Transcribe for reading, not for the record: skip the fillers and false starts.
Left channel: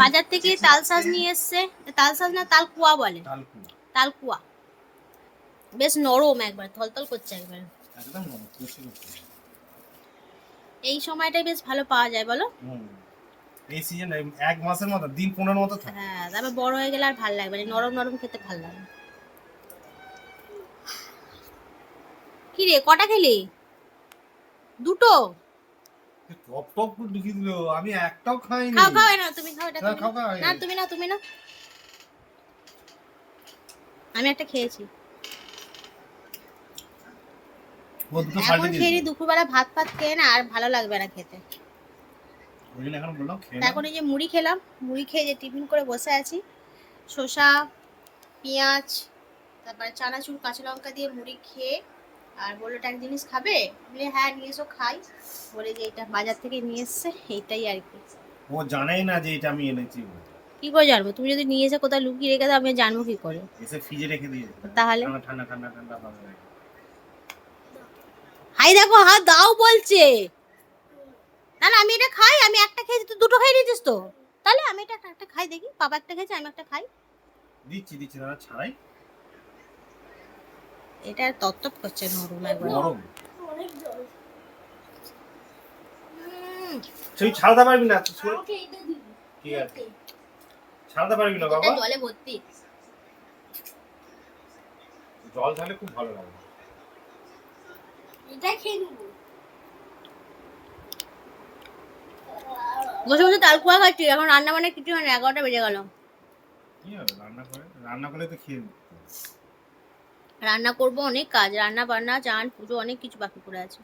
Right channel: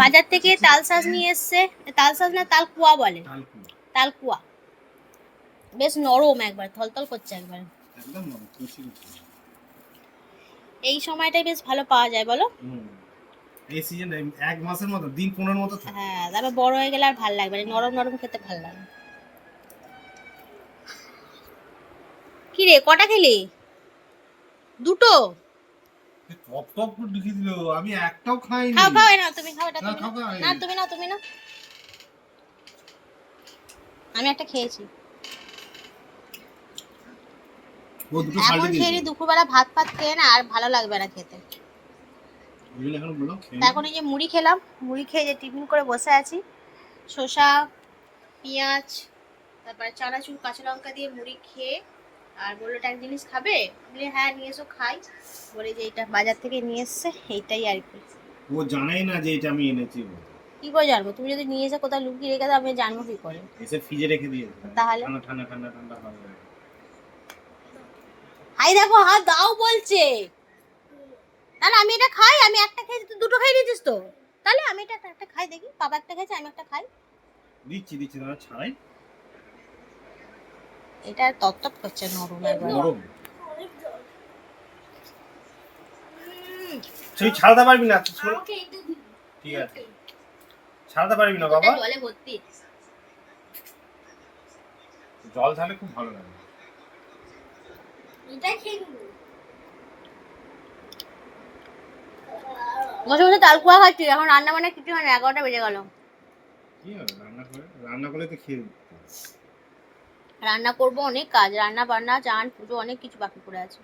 বাজার থেকে তালশাঁস নিয়ে এসছে, তালশাঁস না তালকুয়া বলে, তালকুয়া। বেশ নরম, একবার থলথল করছে একবার, একদম নরম কুচি কুচি। এই সময়টাই বেশ ভালো পাওয়া যায় বলো। এই সিজন এক মাসের মতো, দিন 15 মতো থাকে। হ্যাঁ, তারপর বড় হয়ে গেলে আর ভালো লাগবে না, নরম নরম খেতে ভালো লাগে। কি রে, কটা খেলি? দুটো? টপ টপ করে ঢুকিয়ে দিল, আমি একটাও খাইনি। খাও খাও, না তুমি খাও, এটা না, তুমি খাও, না, তুমি না, তুমি না, আমি একটা খেয়েছি। ও দুটো এখন সাইডে খেয়ে দিয়েছি। নি, দুপুরবেলা ভাত ফাত খেয়ে না আর ভালো লাগবে না খেতে। ওই জন্য এখন বললাম খেয়ে এখন এই যে মুড়ি খেলাম, মুড়ি খেয়ে যে টিফিন করে বসে আছি, শসা পেঁয়াজ তারপরে চানাচুর কাঁচা লঙ্কা দিয়ে মুড়ি খেয়ে, আর বললো একটা জিনিস খাবে, বলি হ্যাঁ নিয়ে এসো খাই, বলে যে এটা বাজার থেকে নিয়ে এসছে, এইটাই আর কি। ও জানেই না যে এটা আমি এনেছি। কি করে জানবো? তুমি যদি নিয়ে এসে কোথাও লুকিয়ে রেখে দাও, আমি জানবো কি করে? এসে ফ্রিজে রেখে দিয়েছে, তাহলে ঠান্ডা ঠান্ডা ঠান্ডা ঠান্ডা ভালো লাগে। হাই দেখো, হাত দাও বলছে। তাহলে আমি এটা খাই, আমি একটা খেয়েছি, তুই দুটো খাই দিয়েছিস তো, তাহলে আমি এটা একটা খাই দেখি, বাবা একটা খেয়েছে আমি একটা খাই। দিচ্ছি দিচ্ছি দাদা, ছাড়াই। এটা তত্তপ করছে, নরম একবার। নরম তুই ছাড়াতে পারবি না, ঠিক আছে ছাড়াতে পারবি না বাবা। জলে ভর্তি, জল ঢালে খুব ভালো লাগে। এটাই খেয়ে নেবো। বসে বসে তালকুয়া খাচ্ছি, এখন রান্না বান্না কিছু হয় না, 11টা বেজে গেল। কি হবে রান্না করলে তো খেয়ে রান্না করবো, অনেক কাজ, রান্না বান্না চান পুজো অনেক কিছু বাকি পড়ে আছে।